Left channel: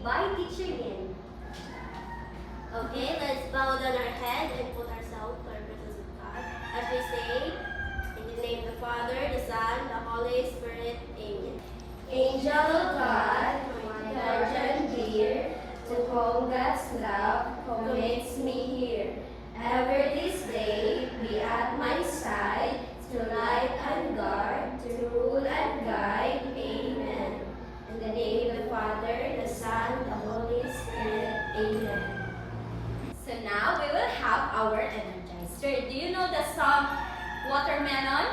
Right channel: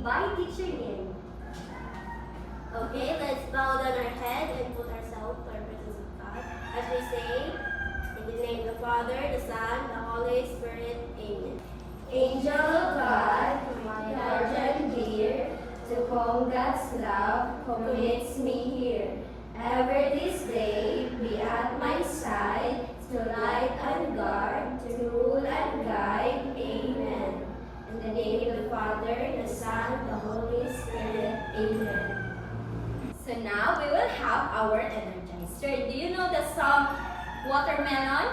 read by Teacher Yin. Okay, let's bow down our head and put ourselves to our presence of God. As we say, in the name of the Father, the Son, the Holy Spirit, Amen. Angel of God, my guardian dear, to whom God's love commits me here. Ever this day be at my side, to light and guard, to rule and guide. Amen. In the name of the Father, the Son, the Holy Spirit. Amen. So now we will have our Energizer. Do you know the song Watermelon?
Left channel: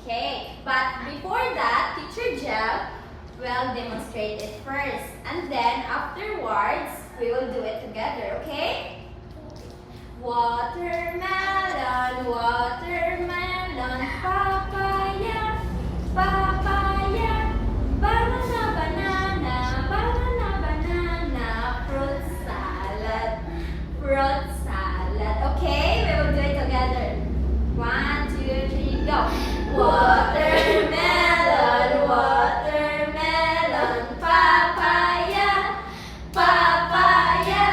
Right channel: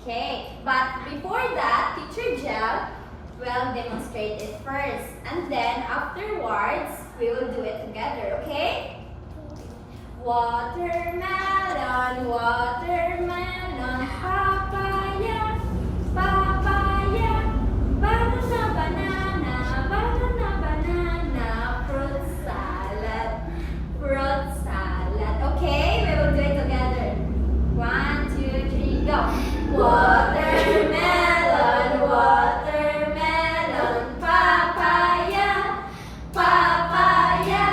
Okay, but before that, Teacher Jel will demonstrate it first. And then afterwards, we will do it together, okay? Watermelon, watermelon, papaya, papaya, banana, banana, banana, banana, fruit salad, fruit salad. Okay, we will do it together. 1, 2, 3, go. Watermelon, watermelon, papaya, papaya,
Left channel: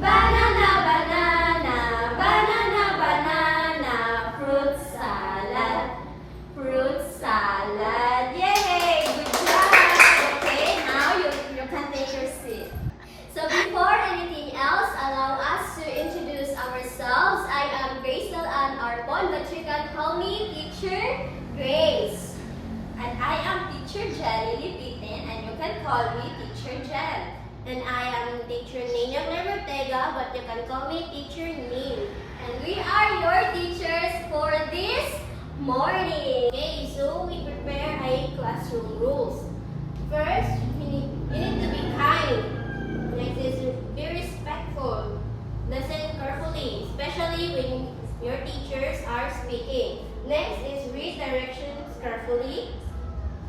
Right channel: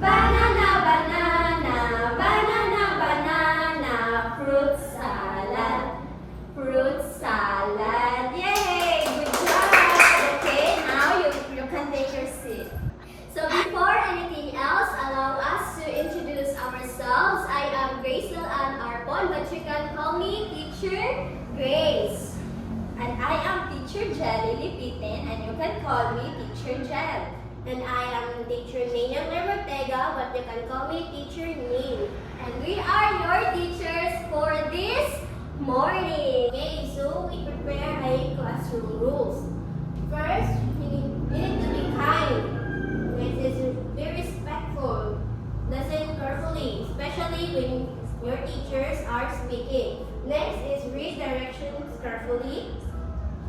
banana, banana, banana, banana, fruit salad, fruit salad. Yay! Good job! Okay, now you can take your seat. So before anything else, allow us to introduce ourselves. I am Grace Ann Arbon, but you can call me Teacher Grace. And I am Teacher Jelly Lipitin, and you can call me Teacher Jel. And I am Teacher Nina Ortega, but you can call me Teacher Nin. And we are your teachers for this morning. Okay, so we prepare a classroom rules. First, you need to be kind. Next is be respectful. Listen carefully, especially when your teachers are speaking. Next is read directions carefully.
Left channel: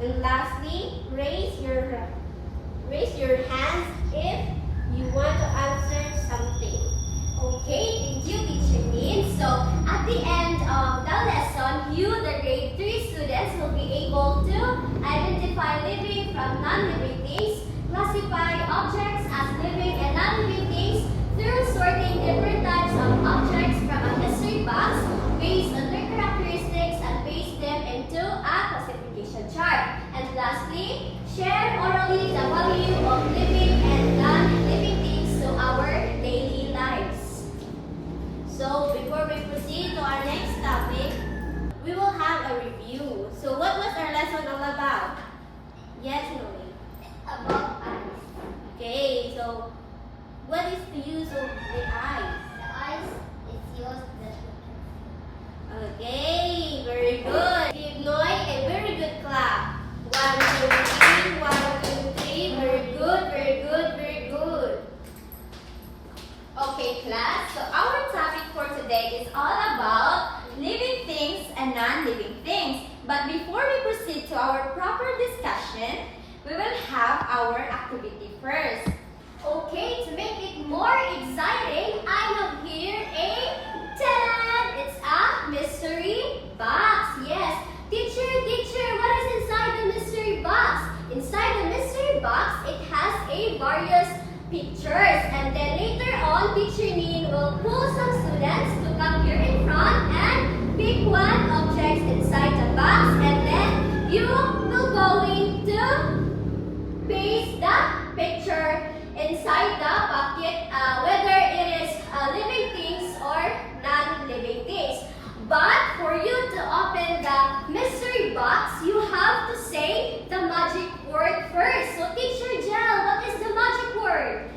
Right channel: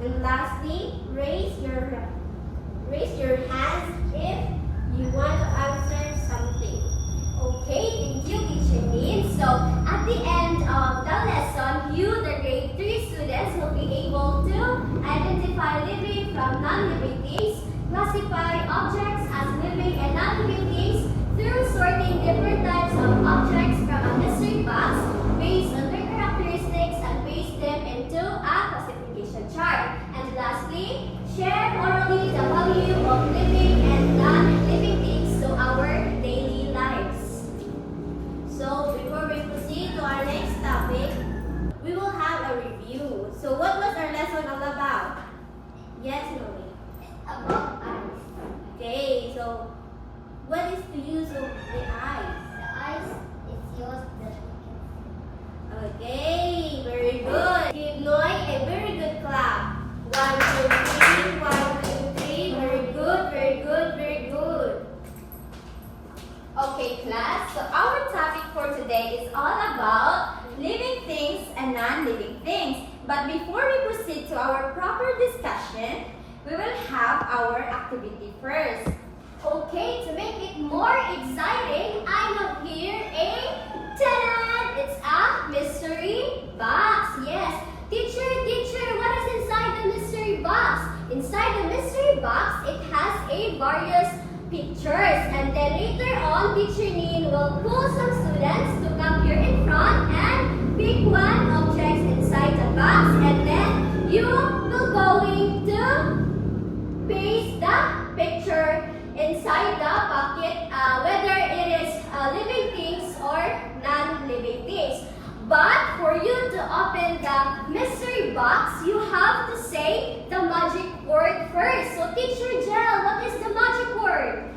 And lastly, raise your hands if you want to answer something. Okay, thank you, Teacher Nin. So, at the end of the lesson, you, the grade 3 students, will be able to identify living from non-living things, classify objects as living and non-living things through sorting different types of objects from a mystery box based on their characteristics and paste them into a classification chart. And lastly, share orally the value of living and non-living things to our daily lives. So before we proceed to our next topic, we will have a review. So what was our lesson all about? Yes, Noe? About eyes. Okay, so what is the use of the eyes? The eyes is used that we can Okay, very good. Give Noy a very good clap. 1, 2, 3, 1, 2, 3. Very good, very good, very good. Okay, class. So our topic for today is all about living things and non-living things. But before we proceed to our proper discussion, we will have our activity first. Okay, to make it more exciting, I have here a ta-da! It's a mystery box. Yes. Teacher, what is inside the mystery box? Inside the mystery box, it has a various pictures. And then later on, Teacher Nin will pull some students to come here in front and pick one object inside the box. And then you will going to paste the picture inside the bucket, whether it is living things or non-living things. But for you to open the mystery box, you have to say the magic word first. So Teacher Jel, what is the magic word?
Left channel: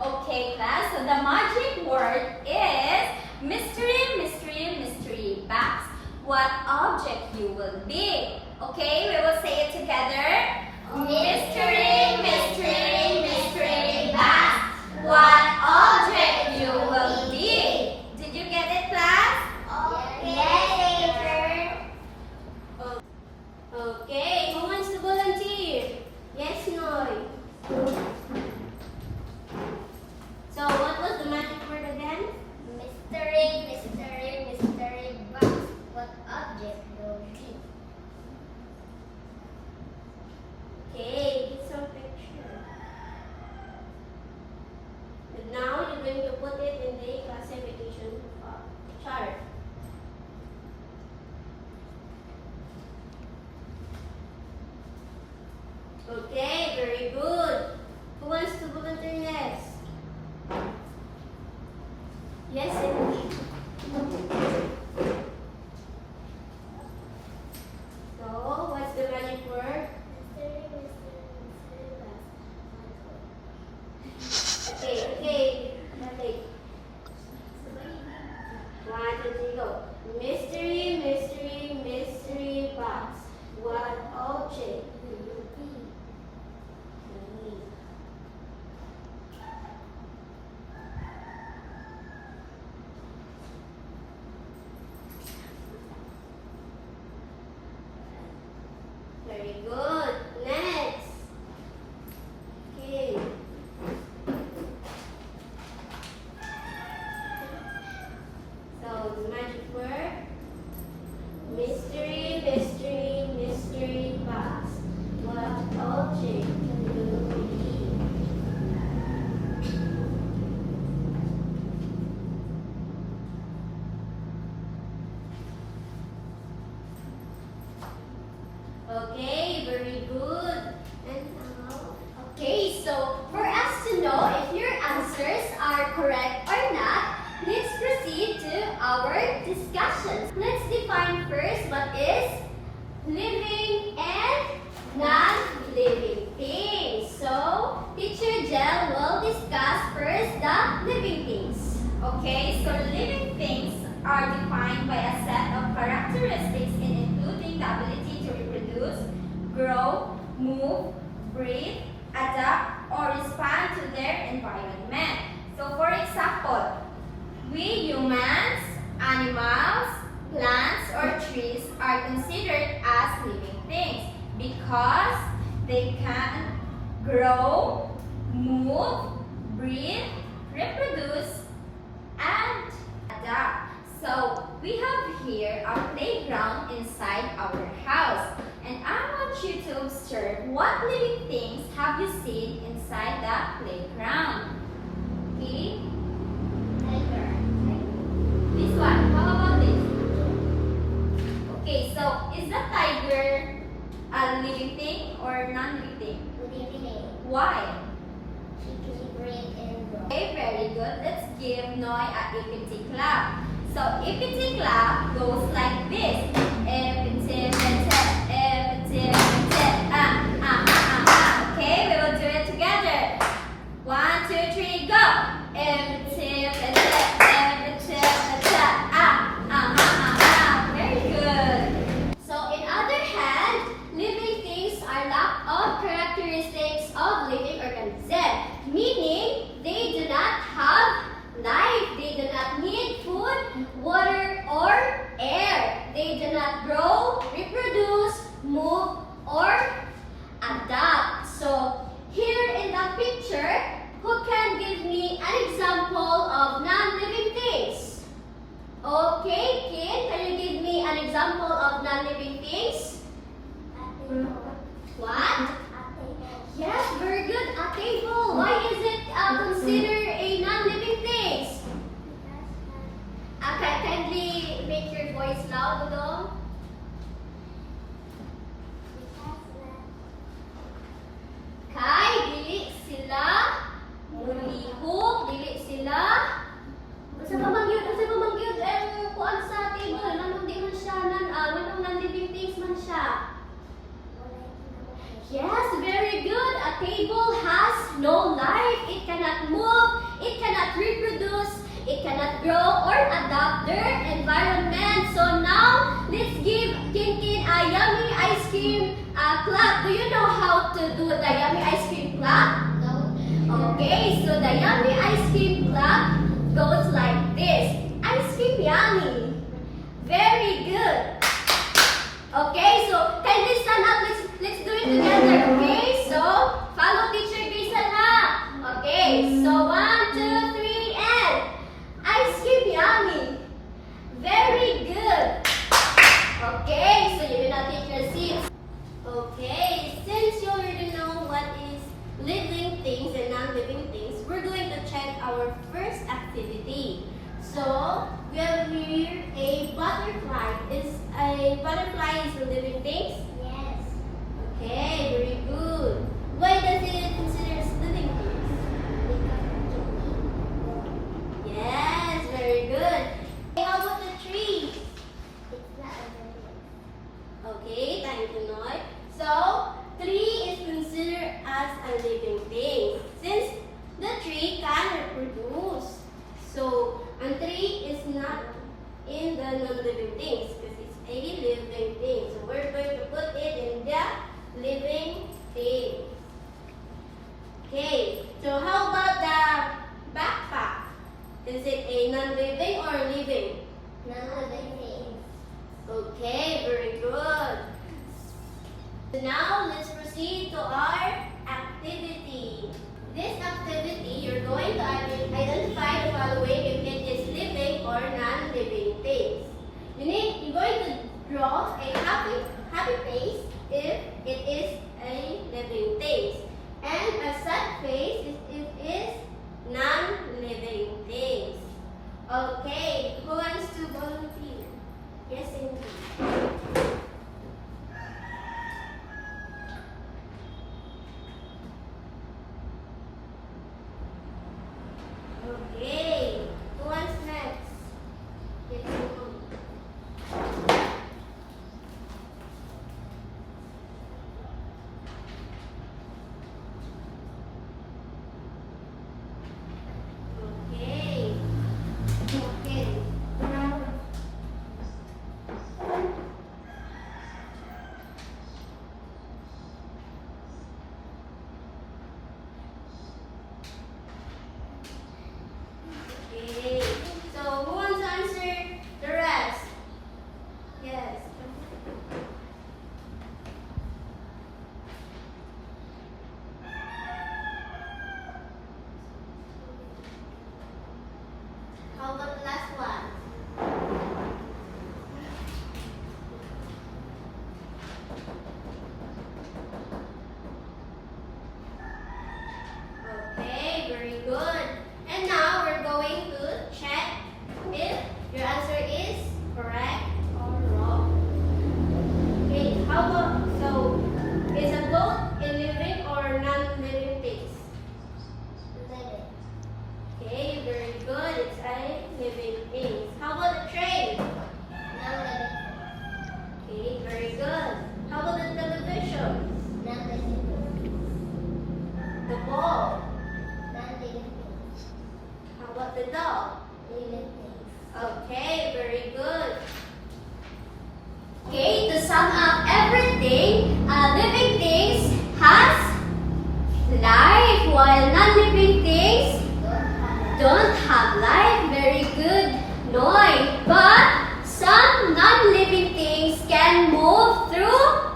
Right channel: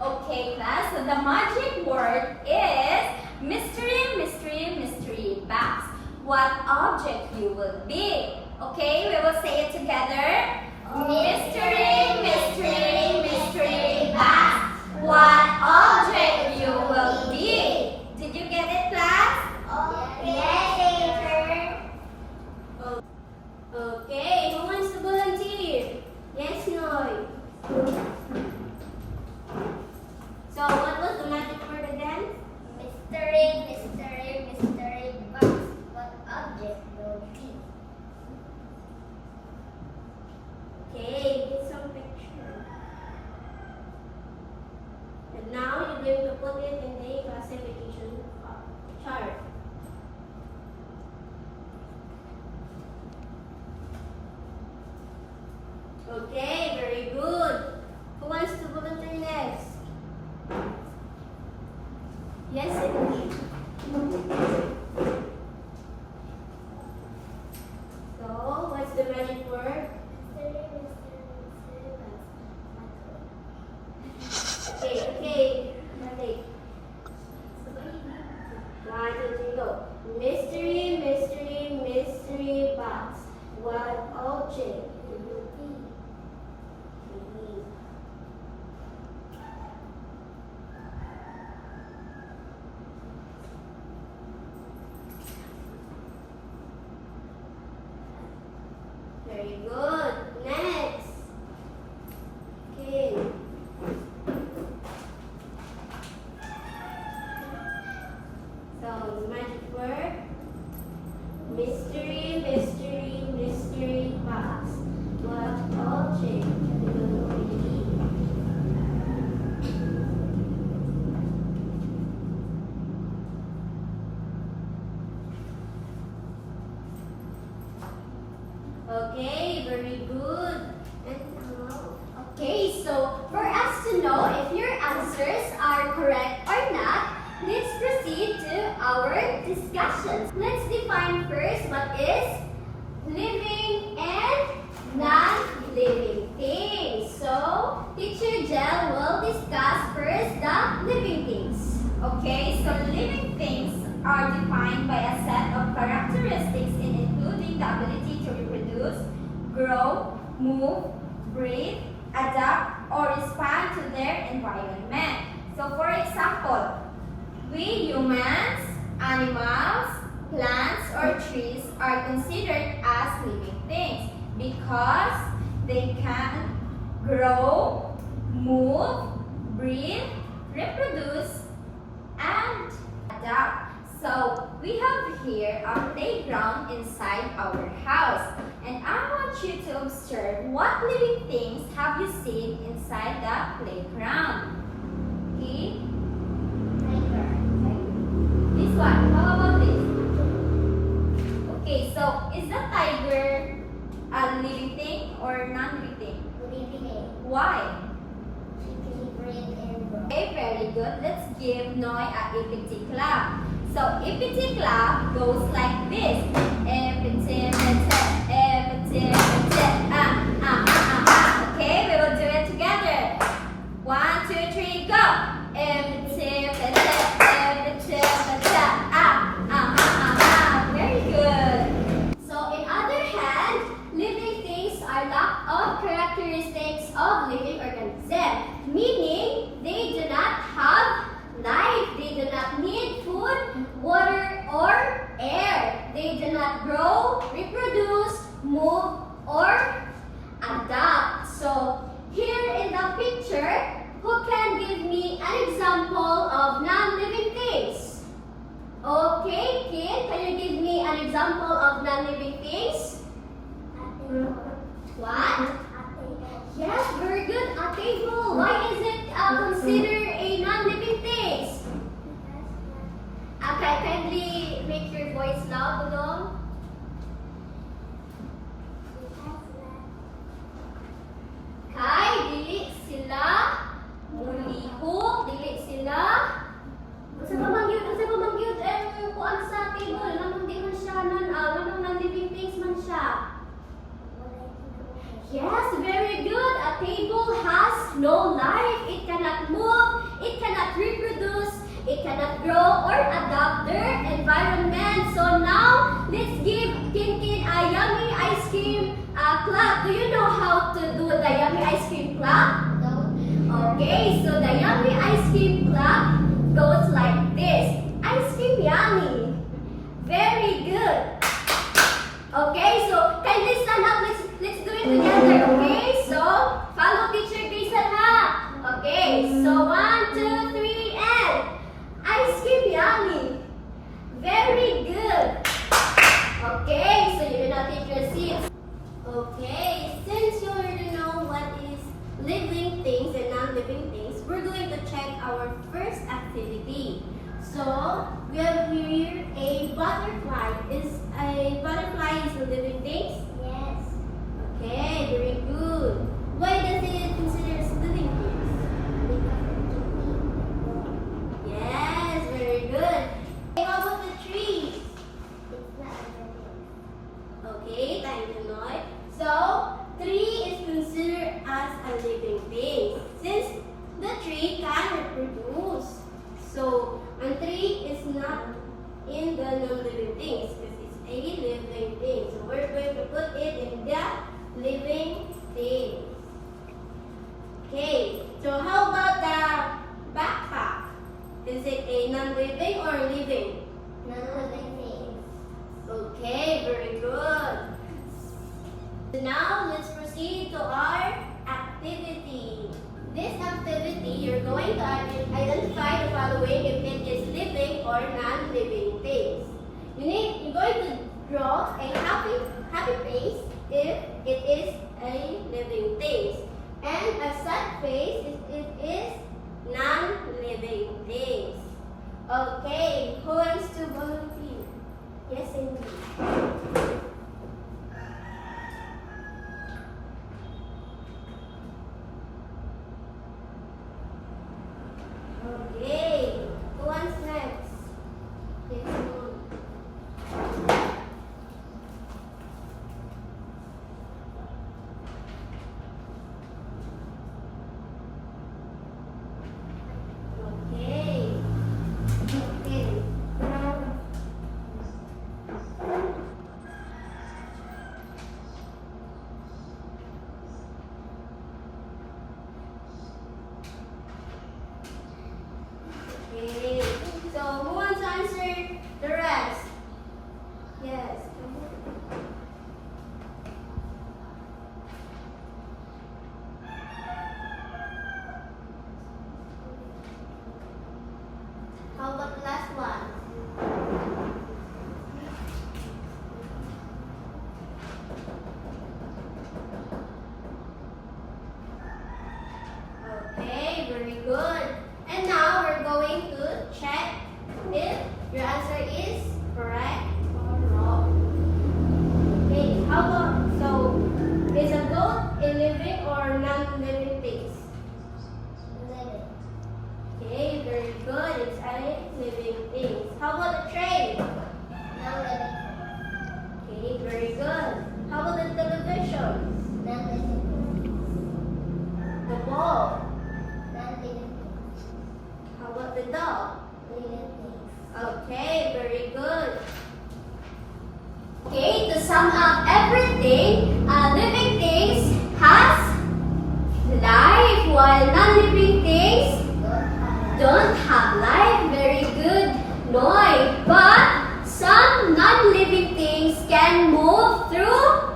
Okay, class. So the magic word is mystery, mystery, mystery box. What object you will be? Okay, we will say it together. Mystery, mystery, mystery box. What object you will be? Did you get it, class? Yes, teacher. Okay, who wants to volunteer? Yes, Noy. So what was the magic word again? Mystery, mystery, mystery box. What object will be? Okay, get some pictures. Okay, very good. Who wants to volunteer next? Yes, Emily. So, what's the magic word? Okay. Balik. 1, 2, 3, go. Mystery, mystery, mystery box. What object do you be? Very good. Next. Okay. So, the magic word. Mystery, mystery, mystery box. What object do you be? Okay, very good. Okay, so for us to know if your answers are correct or not, let's proceed to our discussion. Let's define first what is living and non-living things. So, Teacher Jel will discuss first the living things. Okay, so living things are defined by a set of characteristics including the ability to reproduce, grow, move, breathe, adapt, or respond to their environment. So for example, we humans, animals, plants, or trees are considered as living things because they can grow, move, breathe, reproduce, and adapt. So we have here a playground inside our house, and I want you to observe what living things have you seen inside the playground. Okay? This one. How about this? Okay, so is the tiger a living thing or non-living thing? Why? Okay, very good. Let's give Noy a EPT clap. So EPT clap goes like this. EPT, okay, we will do it together. 1, 2, 3, go. Very good. So, in other hand, living things are lack of characteristics of living organisms, meaning they do not have life, they do not need food, water, or air. They do not grow, reproduce, move, or adapt. So, here in the picture, who can give me an example of non-living things? Okay, Kin, can you give me an example of non-living things? What? Yes, very good. A table. Why is it considered a non-living thing? Okay, kindly make your voice loud, Udong. Kay, dili sila mulihok, dili sila. Basta pa magyud, kuan sa table, nanong di man siya, nanong non-living things man siya. Yes, very good. A table has no life. It cannot move, it cannot reproduce, it cannot grow or adapt their environment. So now, let's give Kinkin a yummy ice cream clap. Do you know how to do the yummy ice cream clap? No. Okay, so the yummy ice cream clap goes like this. Ice cream yummy. Very good. Okay, so kindly stand up. Let's do it together. Okay, so follow teacher Jason ha. Okay, so 1, 2, 3, and ice cream yummy. Very good. Okay, so you will now take your seats. Okay, since you already know what is living things and non-living things, we're going to check our first activity. So, we have here a butterfly. Is a butterfly is a living thing? Yes. Okay, very good. in the non-living things because it's a living thing. So we're going to put it in the living thing. Okay, so how about the backpack? Is it a non-living or living? Non-living things. Okay, very good. So now let's proceed to our activity. This activity, you're going to identify the following if it is living or non-living things. You're going to draw a happy face if it is a living thing, and a sad face if it is non-living things. Okay, who wants to volunteer? Yes, indeed. Okay, who wants next? Yes, okay. Okay. Okay. So who wants to answer the rest? Yes. How about the last one? Okay, very good. And now we're going to check if your answer is correct or wrong. Okay, how about, so is a goat a living or non-living thing? Living. Okay, very good. It's a living thing. How about the train? Non-living. Okay, very good. How about the television? Non-living. The ball? Non-living. How about the dog? Living things. Okay, very good. Okay, to sum up everything, living things has life while non-living things don't have life. Very good, Noy. But some non-living things can move through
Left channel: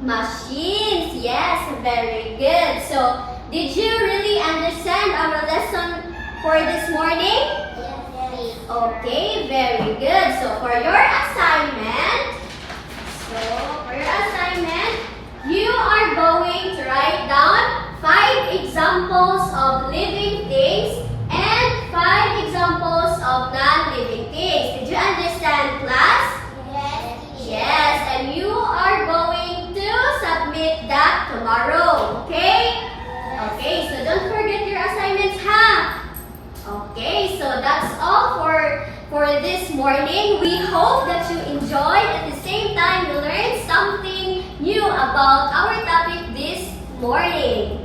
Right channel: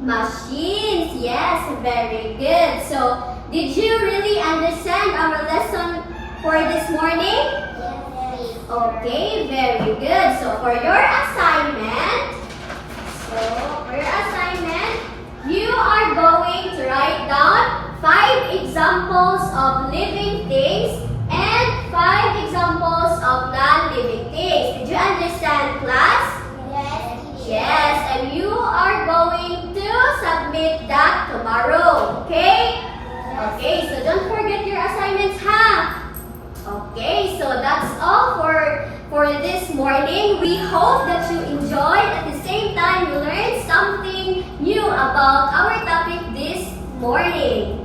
machines. Yes, very good. So, did you really understand our lesson for this morning? Yes. Okay, very good. So for your assignment, you are going to write down 5 examples of living things and 5 examples of non-living things. Did you understand, class? Yes. Yes, and you are going to submit that tomorrow, okay? Okay, so don't forget your assignments, huh? Okay, so that's all for this morning. We hope that you enjoyed. At the same time, you learned something new about our topic this morning.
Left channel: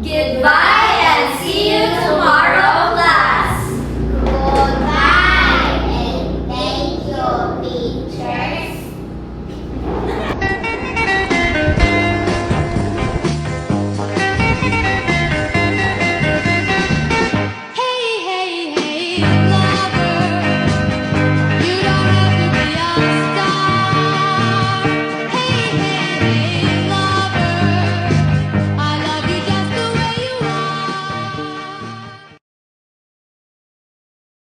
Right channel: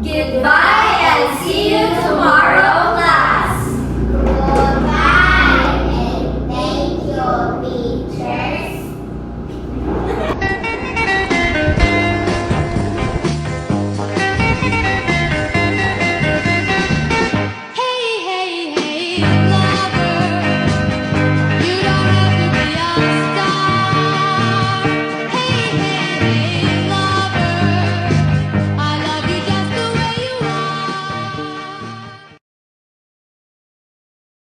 Goodbye and see you tomorrow,